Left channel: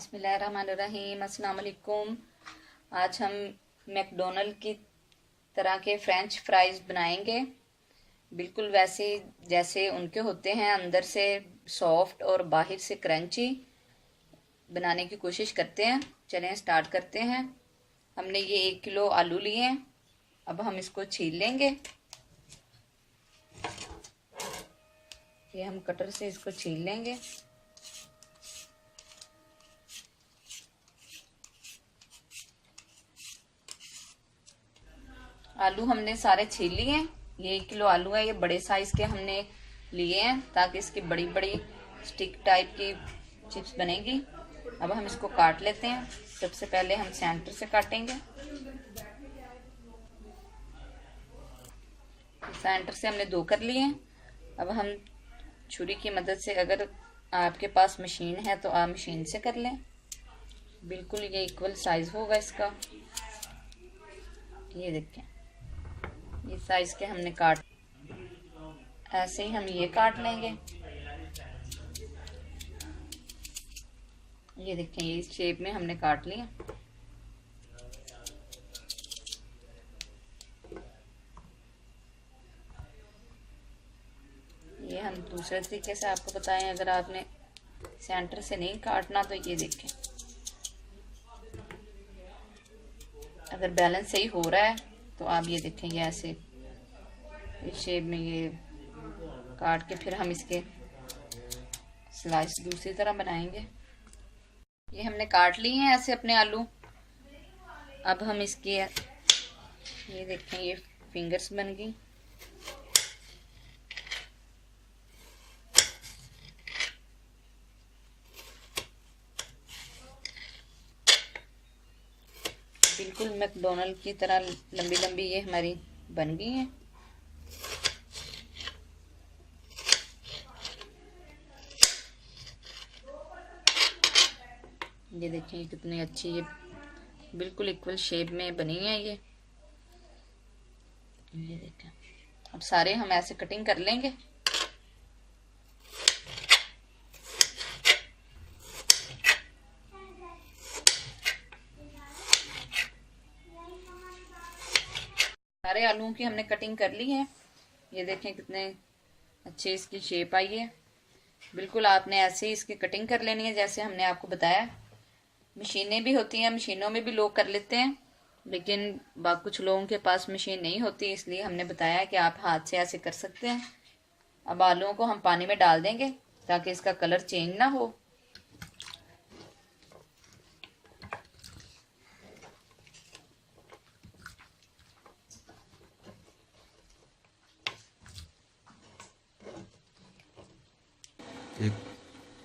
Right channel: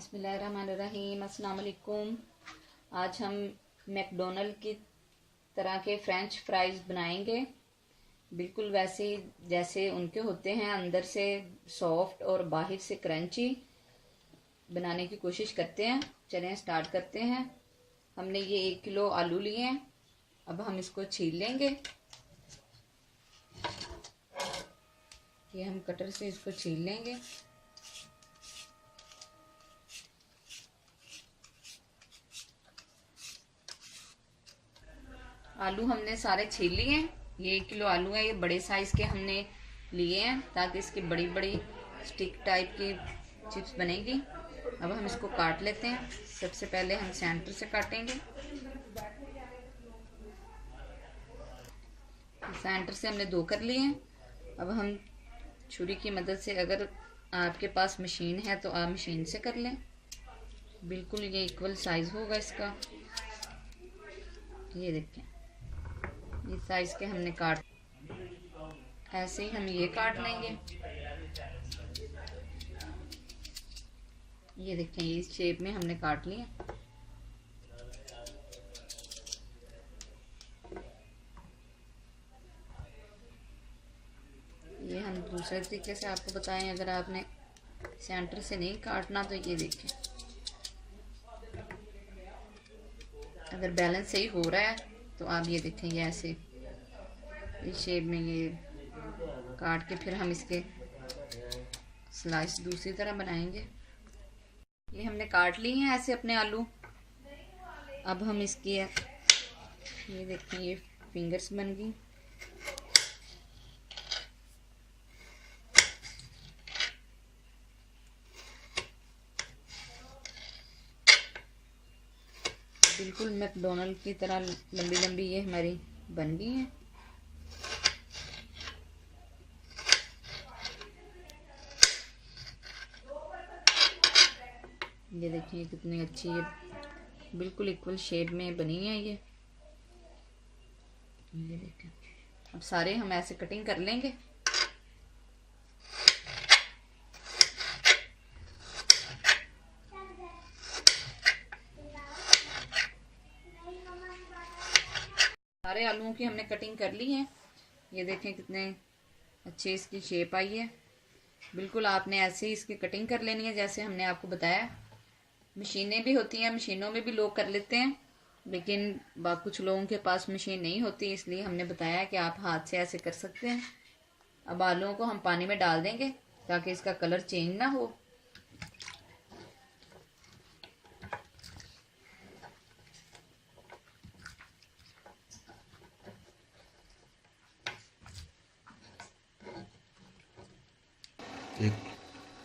बिस्मिल्लाहिर्रहमानिर्रहीम। अस्सलाम वालेकुम। आज हम मैकडोनल्ड की तरह के फ्रेंच फ्राइज़ बनाएंगे, बिल्कुल वैसे जैसे उनके होते हैं, अंदर से सॉफ्ट और बाहर से क्रंची बनाने की कोशिश करते हैं। चलें स्टार्ट करते हैं। हमने ये 1 किलो आलू लिए हैं। अब हम इसको छील लेंगे। ये हम कटर से इसको छील लेंगे। आलू हमने सारे छील लिए हैं। ये 1 किलो आलू है, ये बड़े साइज के हमने लिए हैं ताकि इसकी बड़ी बड़ी स्टिक टाइप की चिप्स बनेगी। अब हम इसको काट लेते हैं। सबसे पहले हम सेंटर से काटेंगे। सेंटर से हमने 2 कर लिए हैं। अब हम छुरी की मदद से, अगर आपके पास मशीन है तो आप मशीन से कर लें। बिल्कुल ये इक्वल साइज होगा इसका। ये देखें, ये साइज के हमने काट, ऐसे ही हम ये काट लेंगे। ये देखें, इस शेप में हमने काट लिए। ये हम दूसरे तरीके से आपको बताएं, अगर आपने सेंटर से नहीं काटना तो ये देखें, अगर बैलेंस सही हो रहा है तो आप ये देखेंगे ऐसे इस शेप में ये काट के फिर हम इसके स्लाइस दूसरी तरह बनाएंगे। ये हमने काट लिए हैं ऐसे अपने आलू। अब हम इसके, ये देखें, ये फिंगर्स बन गई। बिल्कुल मैकडोनल्ड की तरह लंबी लंबी ये हमारी बन गई हैं। ये देखिए कितनी अच्छी, ये बिल्कुल इक्वल शेप में बनी है ये देखें। अब सारे हम ऐसे कटिंग कर लेंगे। सारे आलूओं की हमने कटिंग कर ली है। ये देखें कितने अच्छे इसकी शेप आई है। बिल्कुल आपने ऐसे ही इसकी कटिंग कर लेनी है जैसे हमने आपको बताया। मशीनें भी होती हैं, मशीनों में भी लोग कर लेते हैं, लेकिन कुछ लोगों के पास मशीन नहीं होती, इसलिए हमने बताया कि आप हाथ से ऐसे कर सकते हैं। अब आलूओं को हम पानी में डाल देंगे ताकि इसका कलर चेंज ना हो।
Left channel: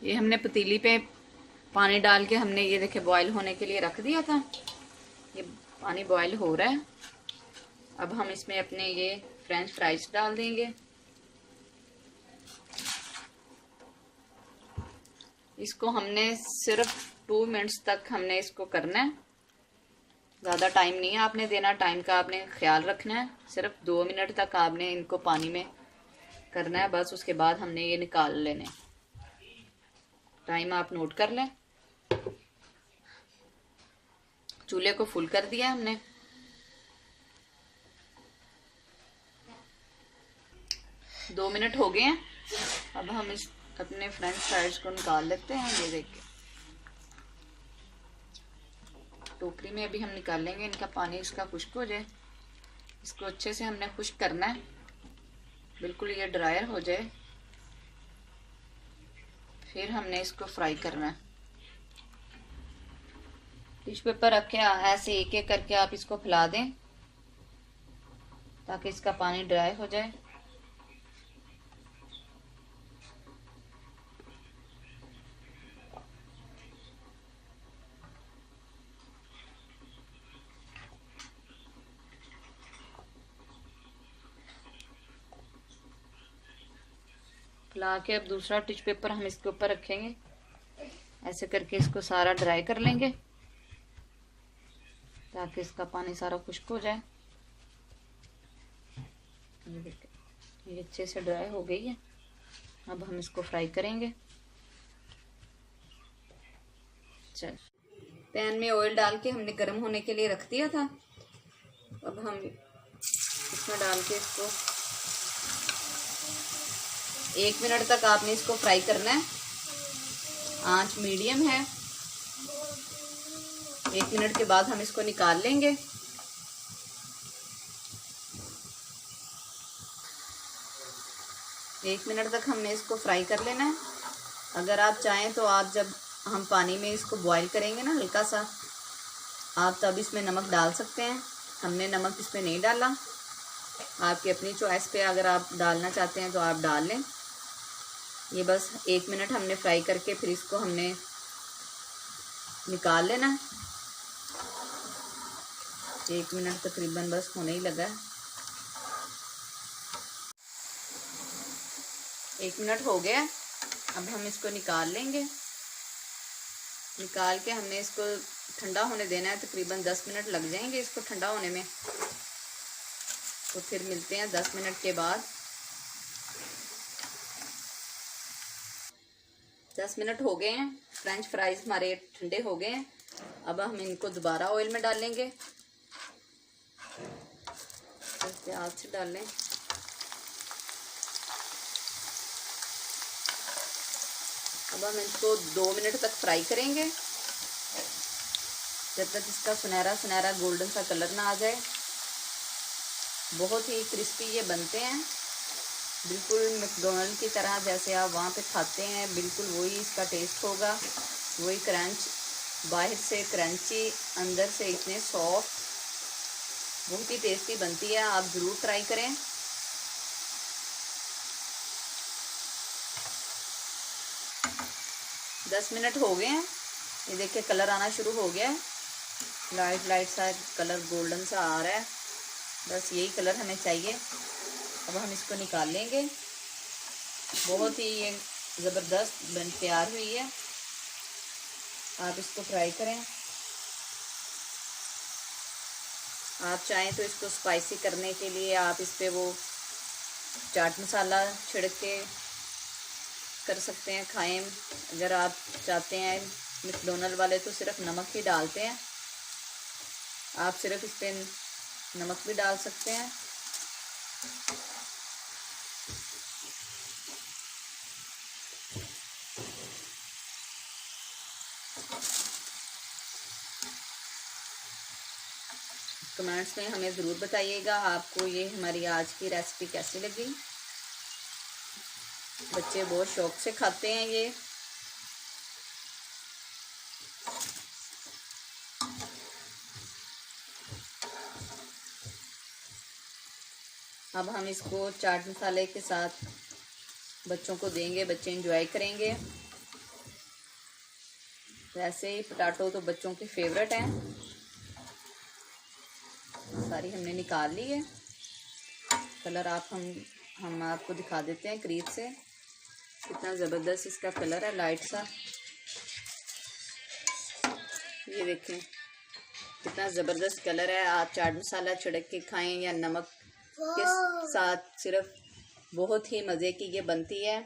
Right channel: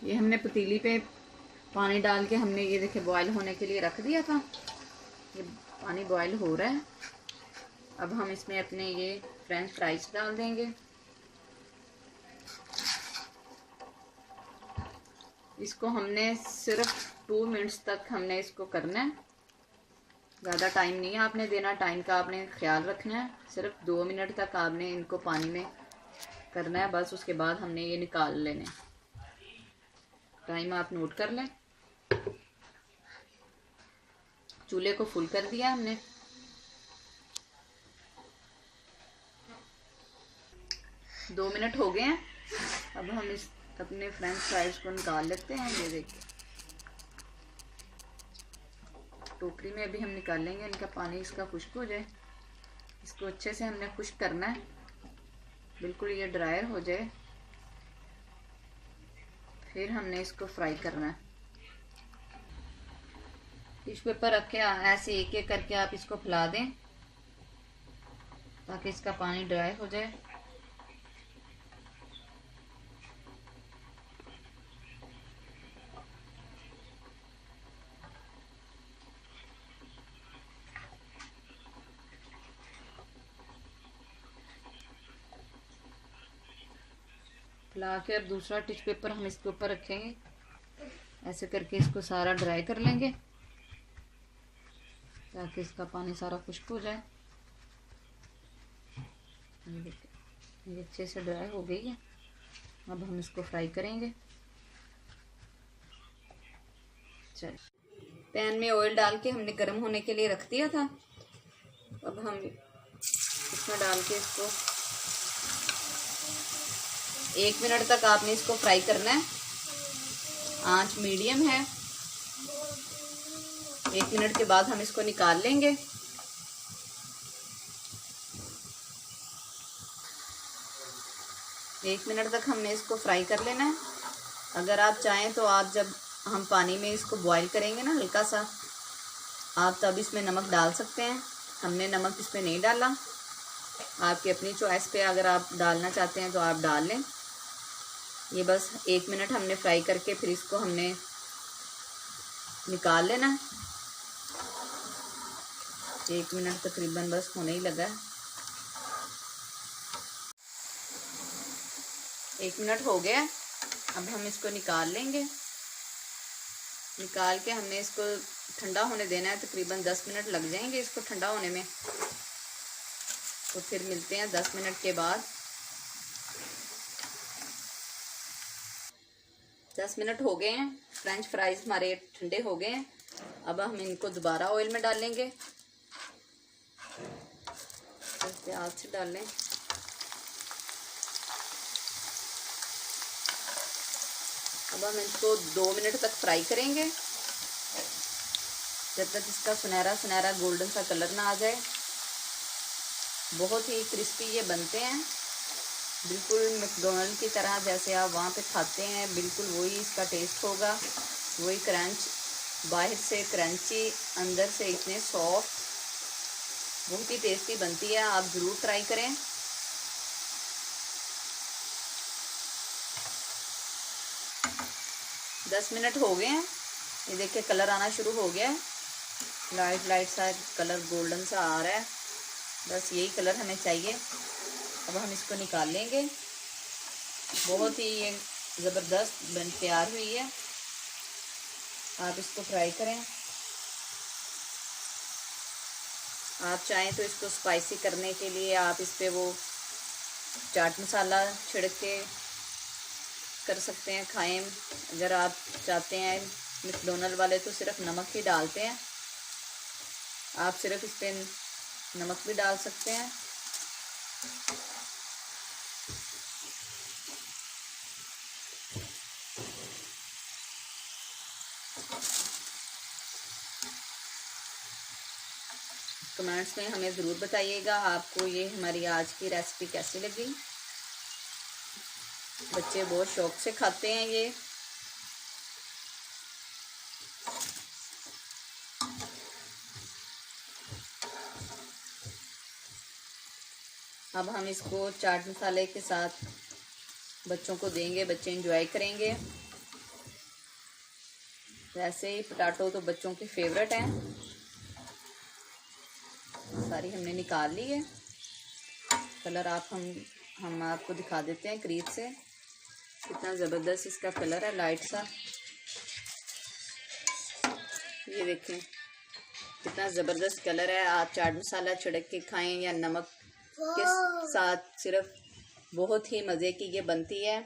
ये हमने पतीली पे पानी डाल के हमने, ये देखे, बॉईल होने के लिए रख दिया था। ये पानी बॉईल हो रहा है। अब हम इसमें अपने ये फ्रेंच फ्राइज डाल देंगे। इसको हमने सिर्फ 2 मिनट्स तक हमने इसको करना है। ज़्यादा टाइम नहीं आपने देना, टाइम का आपने ख्याल रखना है। सिर्फ 2 मिनट तक आपने इनको पानी में करना है बस। उसके बाद हमने ये निकाल लेने। टाइम आप नोट कर लें। चूल्हे को फुल कर दिया हमने। दो मिनट हो गए हैं। अब हम इस अपने फ्रेंच फ्राइज को निकाल लेते हैं। ये देखिए, टोकरी में अभी हम निकाल लेंगे। इनका पानी इसका खुश्क हो जाए। इसको अच्छे से हमने खुश्क करना है, बिल्कुल ये ड्रायर हो जाए, फिर हमने इसको फ्राई करना है। टिश्यू पेपर रख के ऐसे एक एक करके आप इसको फैला दें ताकि इसका पानी ड्राई हो जाए। फैला के अब दूसरा टिश्यू पेपर हम इसके ऊपर रखेंगे। ऐसे करके इसको सारा ड्राई कर लेंगे ताकि इसका पानी सारा खुश्क हो जाए। ये अच्छे से ड्राई हो गई है। अब हम इसको फ्राई करेंगे। चल, पैन में ऑयल डाल के हमने गर्म होने के लिए रख दिया था। अब हम इसमें डाल के इसको 1 मिनट तक आपने इसको फ्राई करना है। आंच मीडियम है। 1 मिनट के बाद हम इसको निकाल लेंगे। एक मिनट तक हमने इसको फ्राई कर लेना है। अगर आप चाहें तो आप जब हम पानी में इसको बॉईल करेंगे ना हल्का सा, आप तब इसमें नमक डाल सकते हैं। हमने नमक इसमें नहीं डाला। आपकी अपनी चॉइस पे अगर आप डालना चाहते हैं तो आप डाल लें। ये बस 1 मिनट हमने फ्राई करके फिर इसको हमने निकाल लेना है। 1 मिनट तकरीबन बस होने ही लगा है। 1 मिनट हो गया। अब हम इसको निकाल लेंगे। निकाल के हमने इसको ठंडा होने देना है। तकरीबन 10 मिनट लग जाएंगे इसको ठंडा होने में। तो फिर मिलते हैं 10 मिनट के बाद। 10 मिनट हो गए हैं। फ्रेंच फ्राइज हमारे ठंडे हो गए हैं। अब हम इनको दोबारा ऑयल में डालेंगे। प्याज से डाल लें। अब हम इसको 2 मिनट तक फ्राई करेंगे, जब तक इसका सुनहरा सुनहरा गोल्डन सा कलर ना आ जाए। बहुत ही क्रिस्पी ये बनते हैं, बिल्कुल मैकडॉनल्ड की तरह जैसे आप वहाँ पे खाते हैं, बिल्कुल वही इसका टेस्ट होगा। वही क्रंच, बाहर से क्रंची, अंदर से इतने सॉफ्ट, बहुत ही टेस्टी बनती है। आप ज़रूर ट्राई करें। दस मिनट हो गए हैं। ये देखिए कलर आना शुरू हो गया है। लाइट लाइट सा कलर गोल्डन सा आ रहा है। बस यही कलर हमें चाहिए। अब हम इसको निकाल लेंगे। बहुत ही ये ज़बरदस्त बन तैयार हुई है। आप इसको फ्राई करें। आप चाहें तो इसको स्पाइसी करने के लिए आप इस पर वो चाट मसाला छिड़क के कर सकते हैं, खाएं। अगर आप चाहते हैं, मैकडॉनल्ड वाले तो सिर्फ नमक ही डालते हैं, आप सिर्फ इस पर नमक भी डाल सकते हैं। कमेंट्स में हमें ज़रूर बताइएगा आपको ये हमारी आज की रेसिपी कैसी लगी। बच्चे बहुत शौक से खाते हैं ये। अब हम इसको चाट मसाले के साथ बच्चों को देंगे, बच्चे एंजॉय करेंगे। वैसे ही पोटैटो तो बच्चों की फेवरेट है। सारी हमने निकाल ली है। कलर आप हम आपको दिखा देते हैं करीब से, कितना ज़बरदस्त इसका कलर है, लाइट सा। ये देखें कितना ज़बरदस्त कलर है। आप चाट मसाला छिड़क के खाएं या नमक के साथ, सिर्फ बहुत ही मज़े की ये बनती है।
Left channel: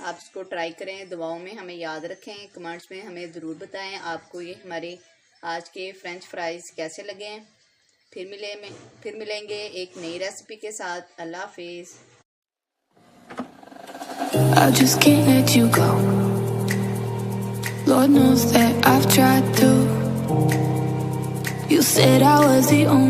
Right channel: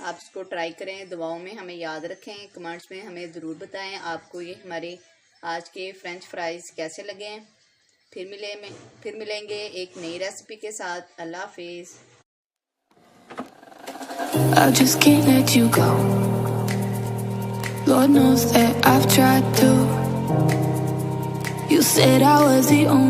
आप इसको ट्राई करें। दुआओं में हमें याद रखें। कमेंट्स में हमें ज़रूर बताएं आपको ये हमारे आज के फ्रेंच फ्राइज़ कैसे लगे। फिर मिलेंगे एक नई रेसिपी के साथ। अल्लाह हाफिज़। I just can't let you go. Lord knows that I've tried to. You said I was the only